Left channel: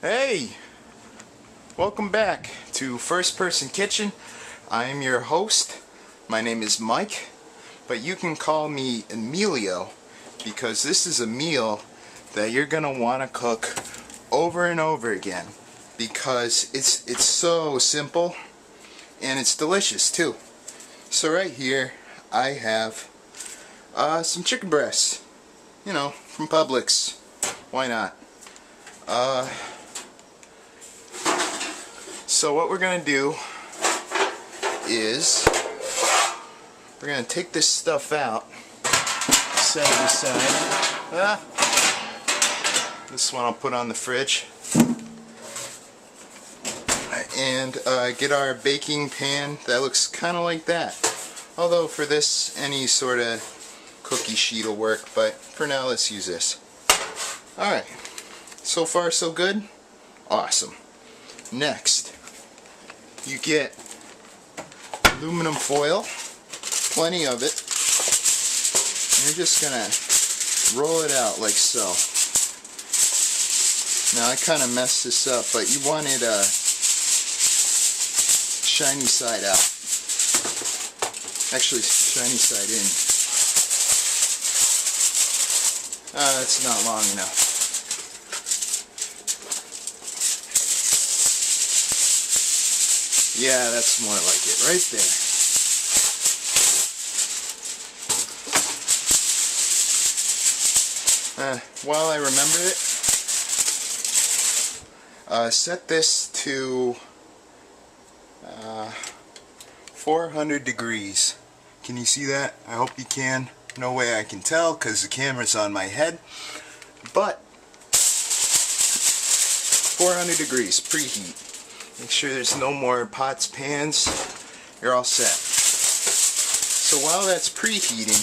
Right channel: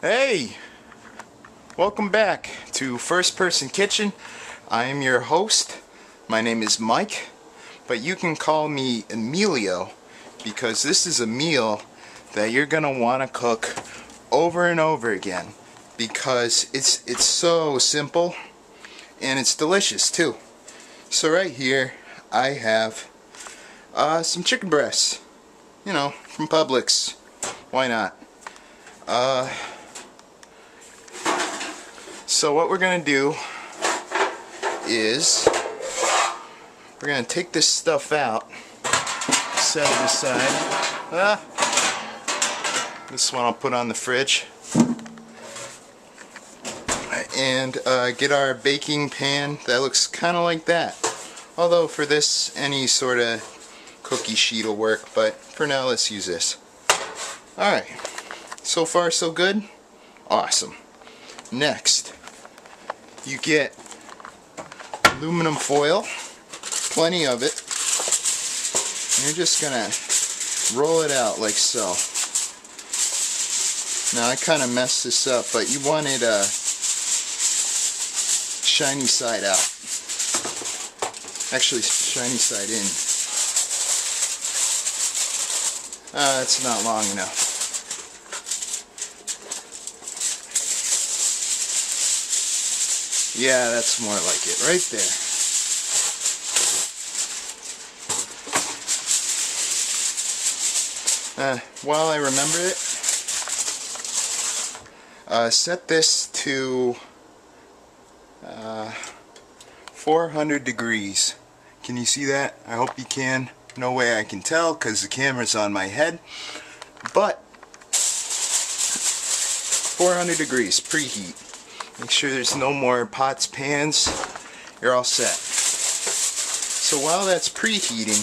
Hey, welcome back to First Person Kitchen. I am your host. My name is Mike, but you can call me Emilio because this is a meal that you're gonna want to cook over and over again because it's so simple and it's delicious too. So right here I have some chicken breasts, from Publix. Why not? So what we're going to do is we're going to take this stuff out, set it aside. This one I'll put on the fridge. And get our baking pan that looks kind of like that. Although for this, any sort of cookie sheet will work, but for now let's use this. Alright, so far so good? Awesome. Next, you get aluminum foil, plenty of it, and you're just gonna roll it out like so. Now I kind of messed this up, but you want it shiny side out. Actually, shiny side in. It's not long enough. Yeah, that's more like it, right there. While I remember it, set this to 400 degrees. Can you see that? I hope you can. No way I can tell because the camera's on my head. But 400 degrees, preheat. Make sure there's no more pots, pans. You're all set. So while that's preheating,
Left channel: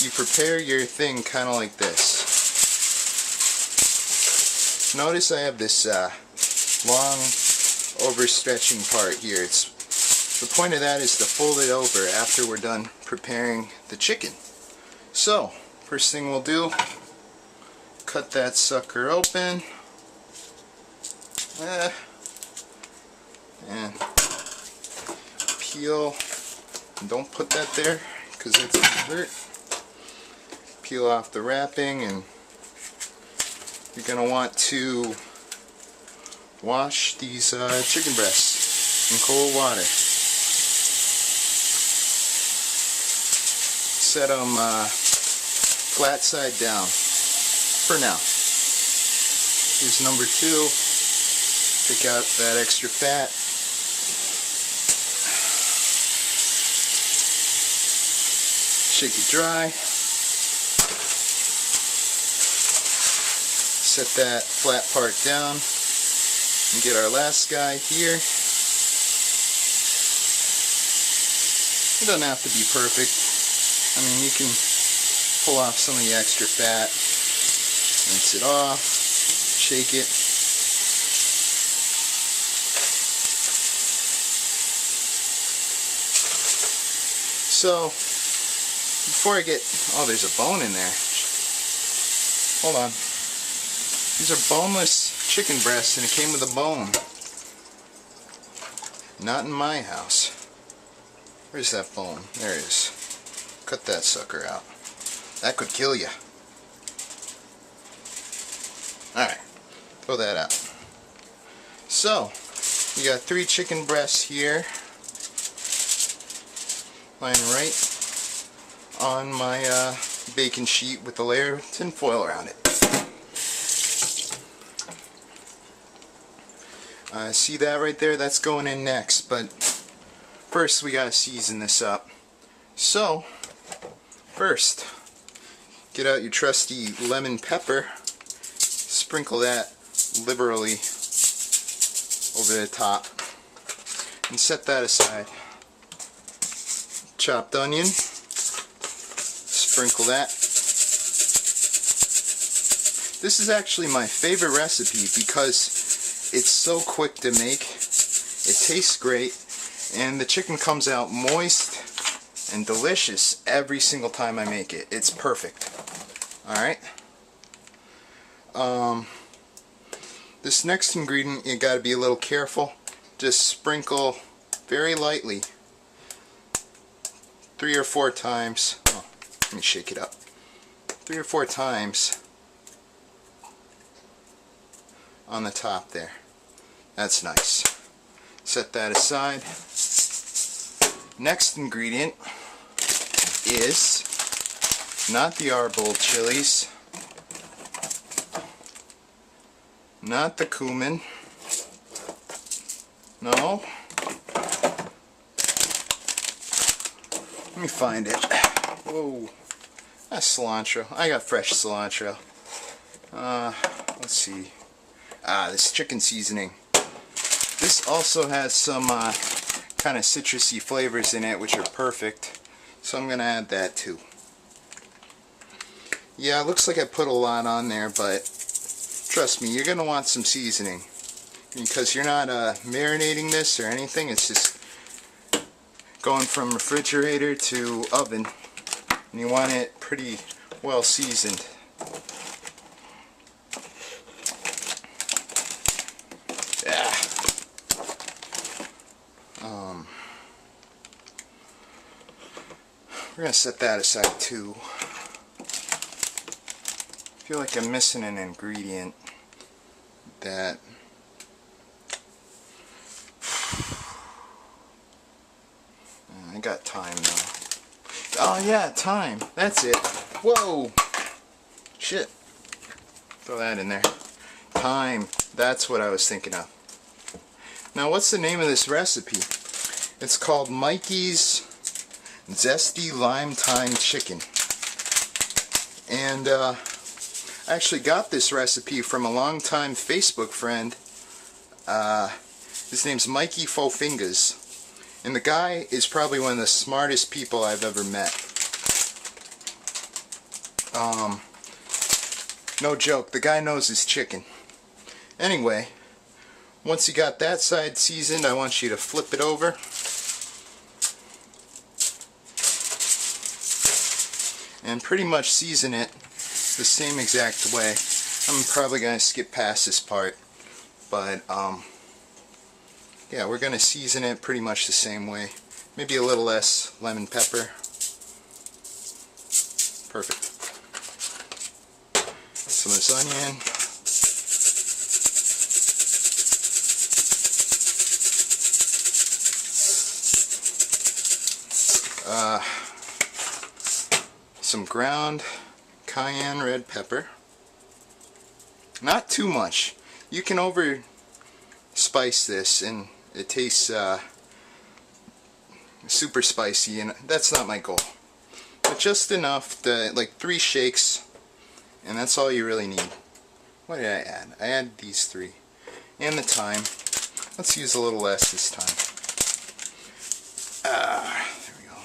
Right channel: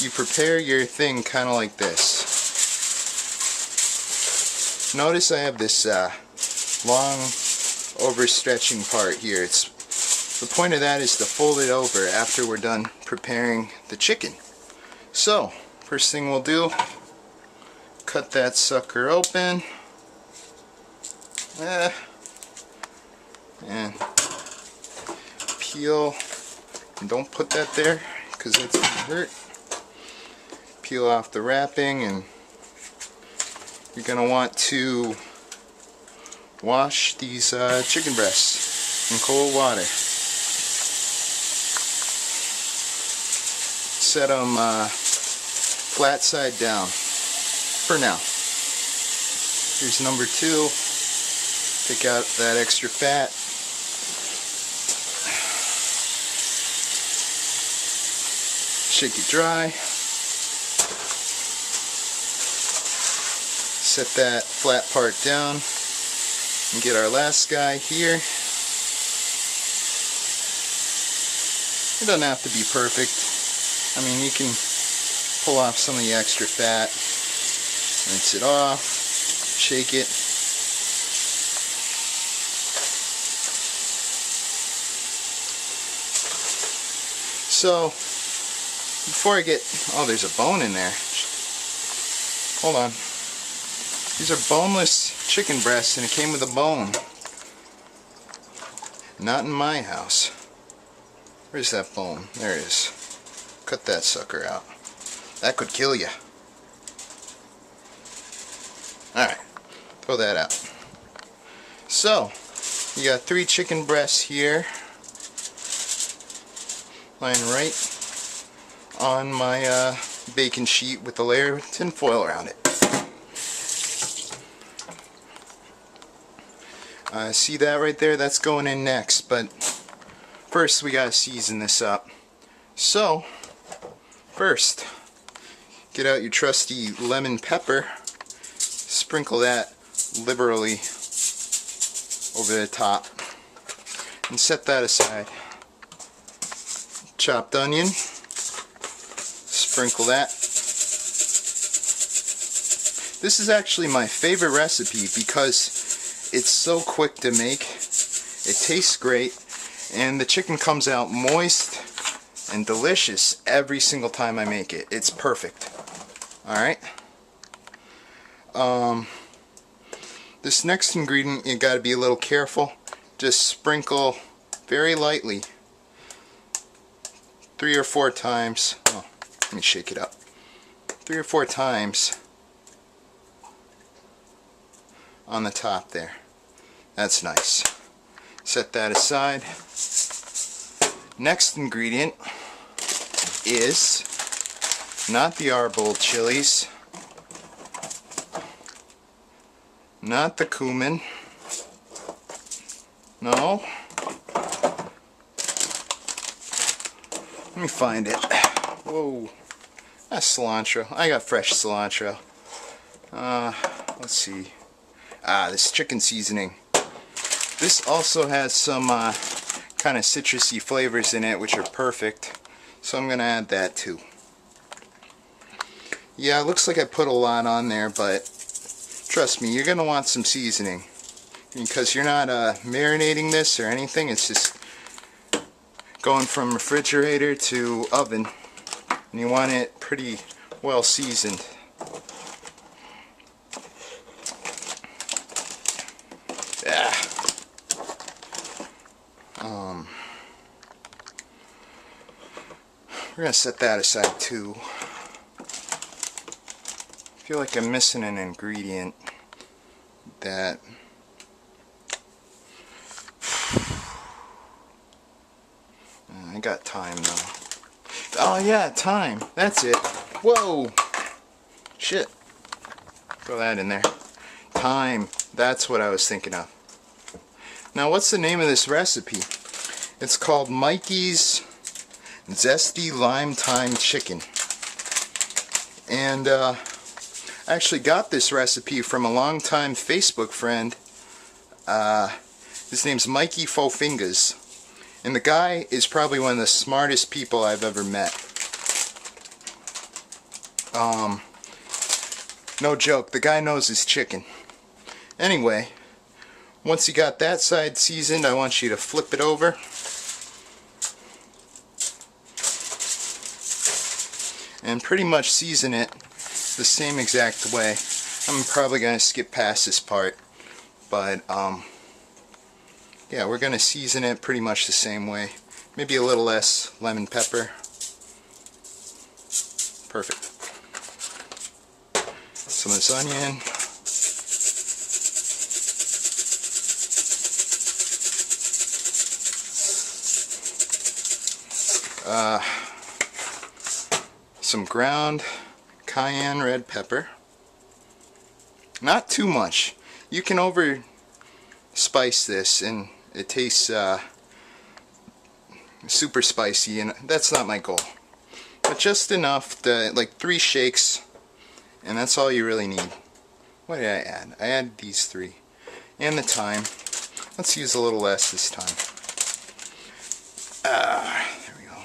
you prepare your thing kind of like this. Notice I have this long overstretching part here. The point of that is to fold it over after we're done preparing the chicken. So, first thing we'll do, cut that sucker open. And peel, and don't put that there because that's going to hurt. Peel off the wrapping, and you're going to want to wash these chicken breasts in cold water. Set them flat side down for now. Here's number 2. Take out that extra fat. Shake it dry. Set that flat part down and get our last guy here. It doesn't have to be perfect. I mean, you can pull off some of the extra fat, rinse it off, shake it. So, before I get, oh, there's a bone in there. Hold on. These are boneless chicken breasts and it came with a bone. Not in my house. Where's that bone? There it is. Cut that sucker out. That could kill you. Alright, throw that out. So, we got 3 chicken breasts here. Lying right on my bacon sheet with a layer of tin foil around it. See that right there? That's going in next, but first we gotta season this up. So, first, get out your trusty lemon pepper, sprinkle that liberally over the top, and set that aside. Chopped onion, sprinkle that. This is actually my favorite recipe because it's so quick to make, it tastes great, and the chicken comes out moist and delicious every single time I make it. It's perfect. Alright. This next ingredient, you gotta be a little careful. Just sprinkle very lightly, 3 or 4 times. Oh, let me shake it up. 3 or 4 times on the top there. That's nice. Set that aside. Next ingredient is not the arbol chilies, not the cumin. No. Let me find it. Whoa. That's cilantro. I got fresh cilantro. Let's see. This chicken seasoning. This also has some kind of citrusy flavors in it, which are perfect. So I'm going to add that too. Yeah, it looks like I put a lot on there, but trust me, you're going to want some seasoning. Because you're not marinating this or anything, it's just going from refrigerator to oven. And you want it pretty well seasoned. Yeah. We're going to set that aside too. I feel like I'm missing an ingredient that... I got thyme though. Oh yeah, thyme. That's it. Whoa! Shit. Throw that in there. Thyme. That's what I was thinking of. Now what's the name of this recipe? It's called Mikey's Zesty Lime Thyme Chicken. And I actually got this recipe from a longtime Facebook friend. His name's Mikey Foughfingas. And the guy is probably one of the smartest people I've ever met. No joke, the guy knows his chicken. Anyway, once you got that side seasoned, I want you to flip it over. And pretty much season it the same exact way. I'm probably going to skip past this part. But, yeah, we're going to season it pretty much the same way. Maybe a little less lemon pepper. Perfect. Some of this onion. Some ground cayenne red pepper. Not too much. You can over spice this and it tastes super spicy, and that's not my goal. But just enough to, like 3 shakes, and that's all you really need. What did I add? I added these 3. And the thyme. Let's use a little less this time. There we go.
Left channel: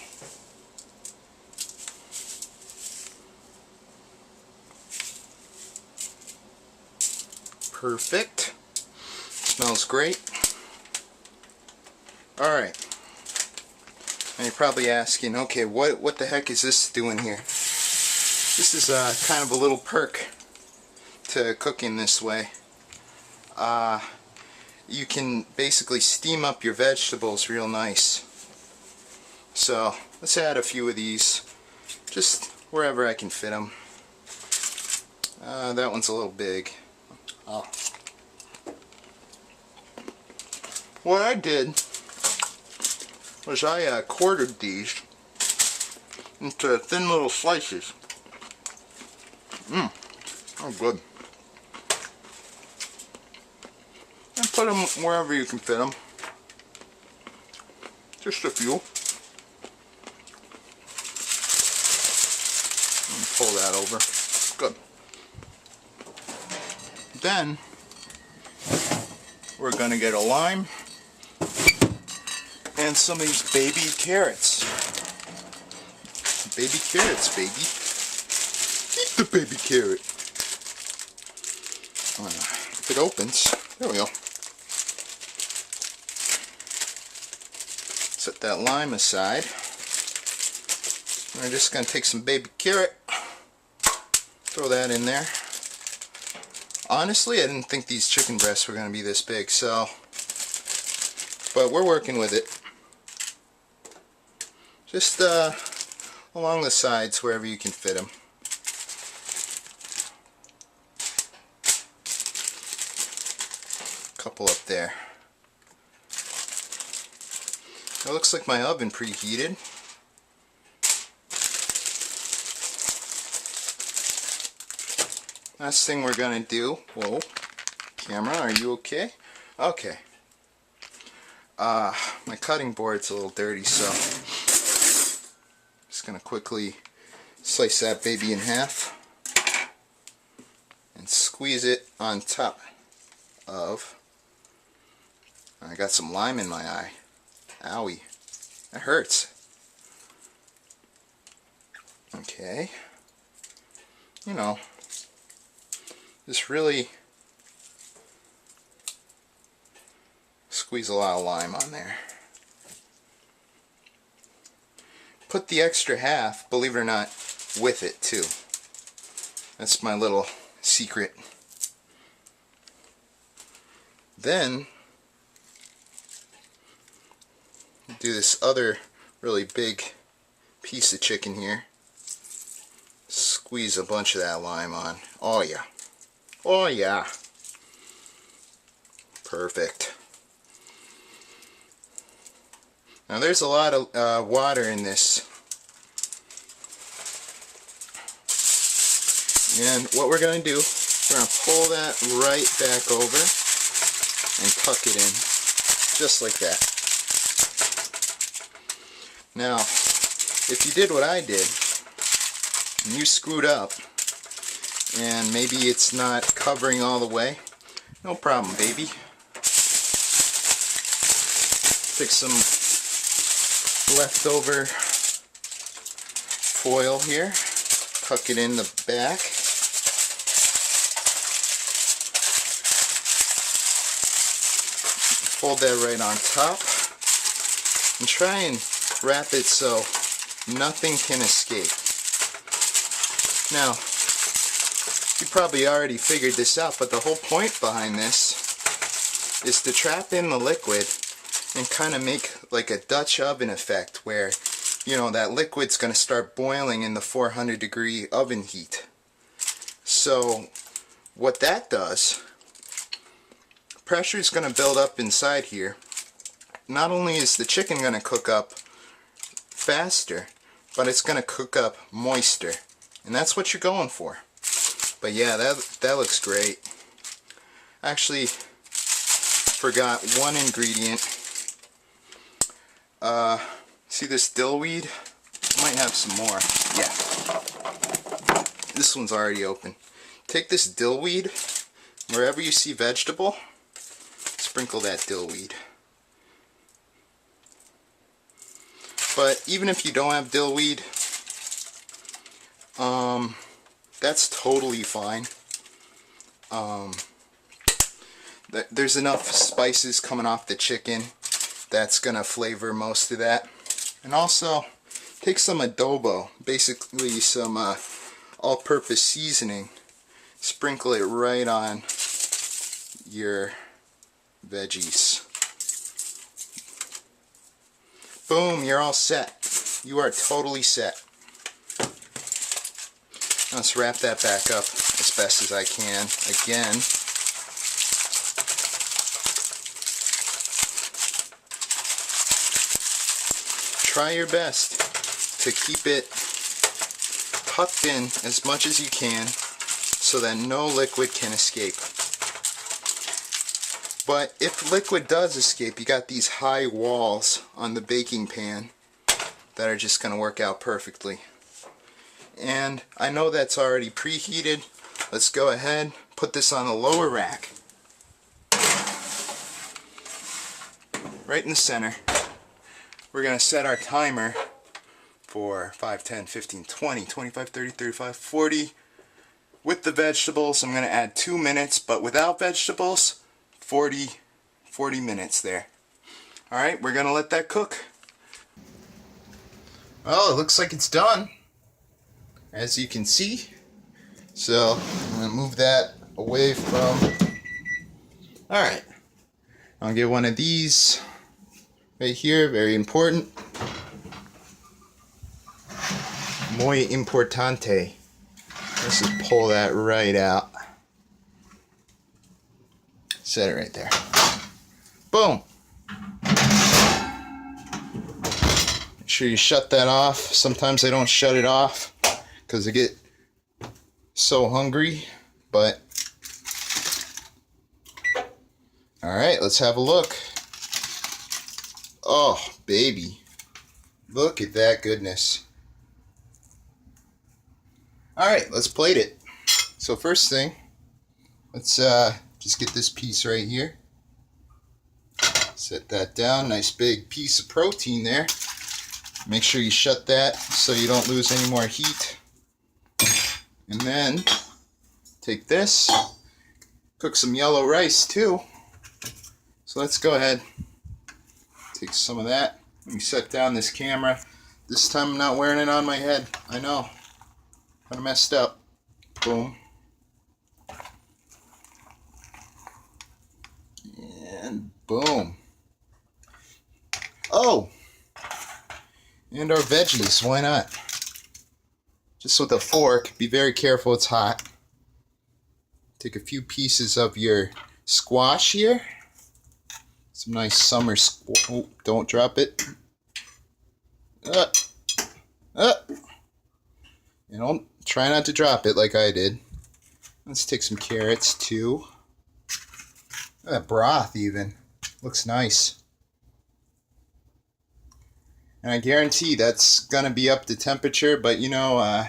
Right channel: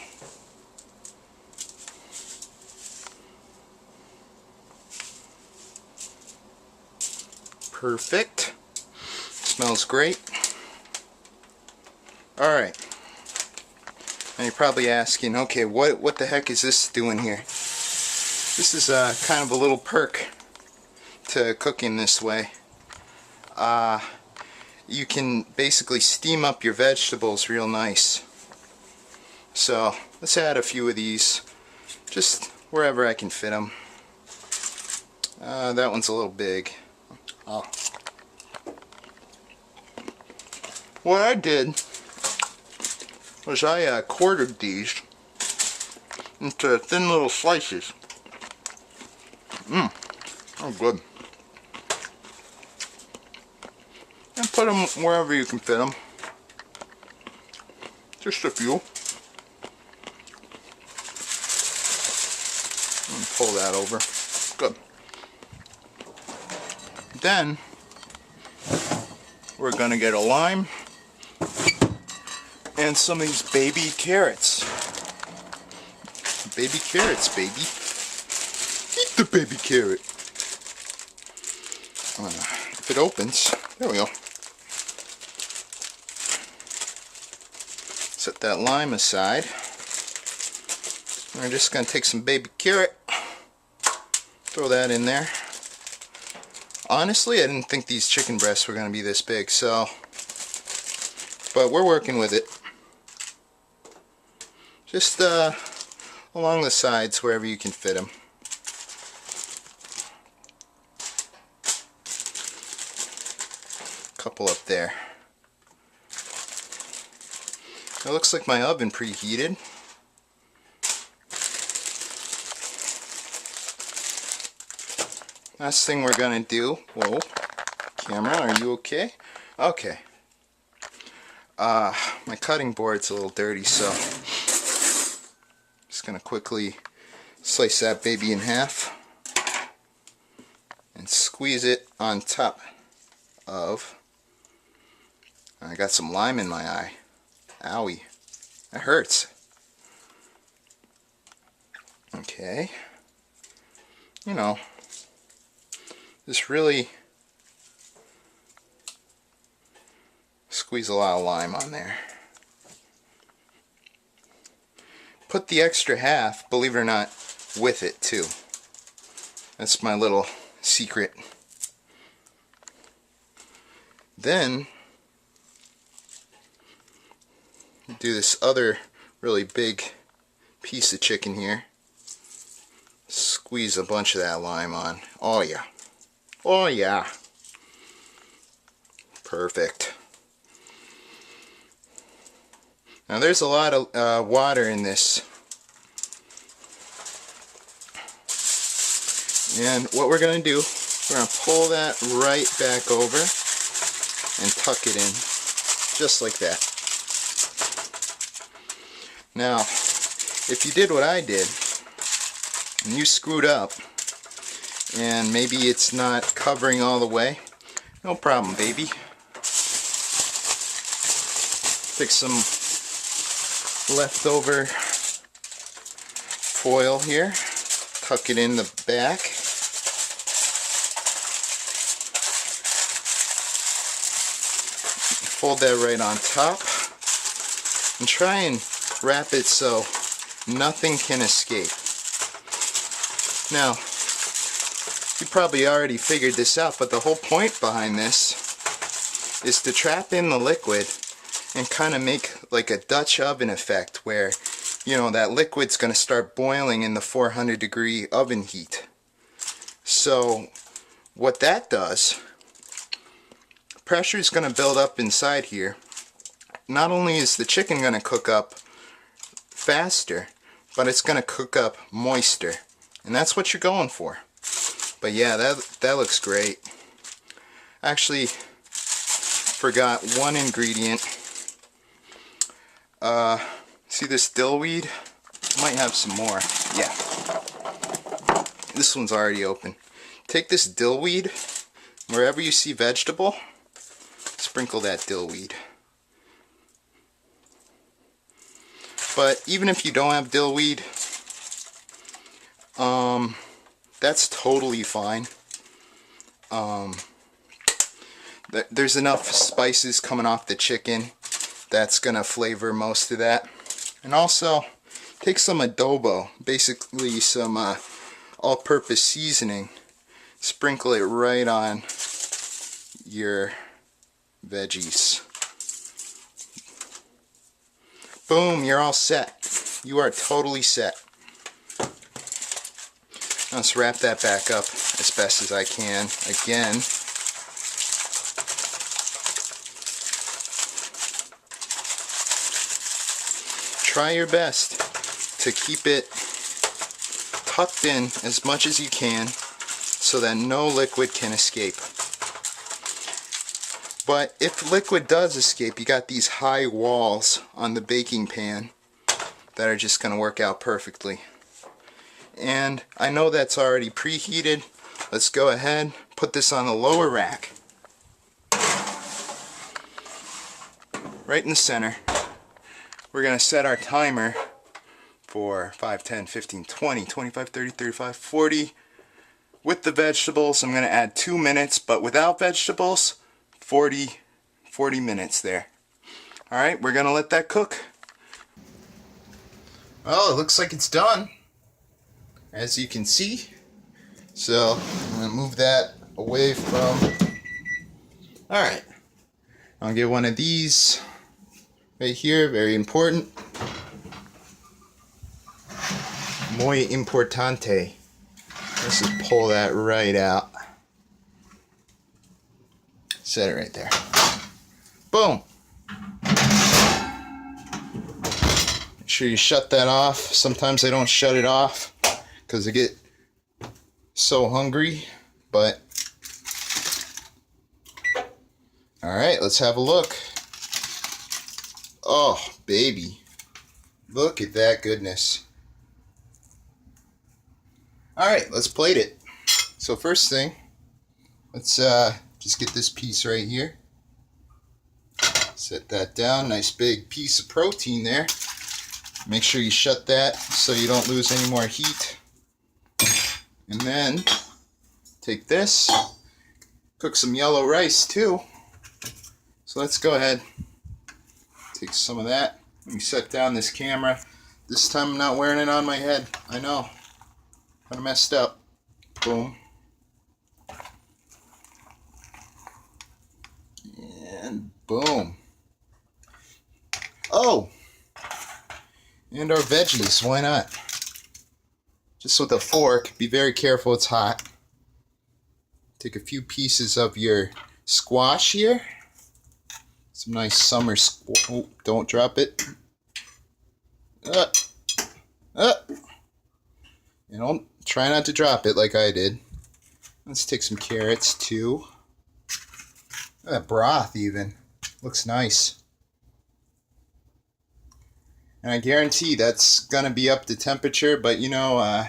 Perfect. Smells great. Alright. And you're probably asking, okay, what the heck is this doing here? This is kind of a little perk to cooking this way. You can basically steam up your vegetables real nice. So let's add a few of these, just wherever I can fit them. That one's a little big. Oh. What I did was I quartered these into thin little slices. Oh good. And put them wherever you can fit them. Just a few. And pull that over. Good. Then we're going to get a lime and some of these baby carrots. Baby carrots, baby. Eat the baby carrot. If it opens, there we go. Set that lime aside. We're just going to take some baby carrot, throw that in there. Honestly, I didn't think these chicken breasts were going to be this big, so, but we're working with it. Just along the sides, wherever you can fit them. Couple up there. It looks like my oven preheated. Last thing we're gonna do, whoa, camera, are you okay? Okay. My cutting board's a little dirty, so just gonna quickly slice that baby in half and squeeze it on top of. I got some lime in my eye. Owie. That hurts. Okay. You know, just really squeeze a lot of lime on there. Put the extra half, believe it or not, with it too. That's my little secret. Then do this other really big piece of chicken here. Squeeze a bunch of that lime on. Oh yeah. Oh yeah. Perfect. Now there's a lot of water in this. And what we're going to do, we're going to pull that right back over and tuck it in. Just like that. Now, if you did what I did, and you screwed up, and maybe it's not covering all the way, no problem, baby. Take some leftover foil here, tuck it in the back, fold that right on top, and try and wrap it so nothing can escape. Now, you probably already figured this out, but the whole point behind this is to trap in the liquid and kind of make like a Dutch oven effect where, you know, that liquid's going to start boiling in the 400-degree oven heat. So what that does, pressure is going to build up inside here. Not only is the chicken going to cook up faster, but it's going to cook up moister, and that's what you're going for. But yeah, that looks great. Actually, forgot one ingredient. See this dill weed? Might have some more. Yeah, this one's already open. Take this dill weed, wherever you see vegetable, sprinkle that dill weed. But even if you don't have dill weed, that's totally fine. There's enough spices coming off the chicken that's gonna flavor most of that. And also, take some adobo, basically some all-purpose seasoning, sprinkle it right on your veggies. Boom, you're all set. You are totally set. Let's wrap that back up as best as I can. Again, try your best to keep it tucked in as much as you can so that no liquid can escape. But if liquid does escape, you got these high walls on the baking pan that are just going to work out perfectly. And I know that's already preheated. Let's go ahead, put this on the lower rack. Right in the center. We're going to set our timer for 5, 10, 15, 20, 25, 30, 35, 40. With the vegetables, I'm going to add 2 minutes, but without vegetables, 40 minutes there. Alright, we're going to let that cook. Well, it looks like it's done, as you can see. So I'm going to move that away from. Alright, I'll get one of these right here, very important. Muy importante. Let's just pull that right out. Set it right there. Boom. Make sure you shut that off. Sometimes I don't shut it off because I get so hungry, but alright, let's have a look. Oh, baby. Look at that goodness. Alright, let's plate it. So first thing, let's just get this piece right here. Set that down. Nice big piece of protein there. Make sure you shut that so you don't lose any more heat. And then take this, cook some yellow rice too. So let's go ahead, take some of that. Let me set down this camera. This time I'm not wearing it on my head. I know, kind of messed up. Boom. And boom. Oh! And our veggies, why not? Just with a fork, be very careful, it's hot. Take a few pieces of your squash here. Some nice summer oh, don't drop it. You know, try not to drop it like I did. Let's take some carrots too. That broth even looks nice. And I guarantee that's gonna be up to temperature, but you know,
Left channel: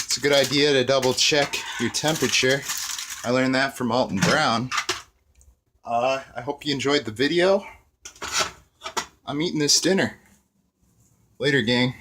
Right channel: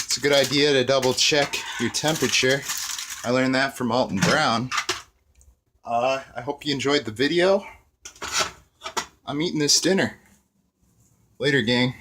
it's a good idea to double check your temperature. I learned that from Alton Brown. I hope you enjoyed the video. I'm eating this dinner. Later, gang.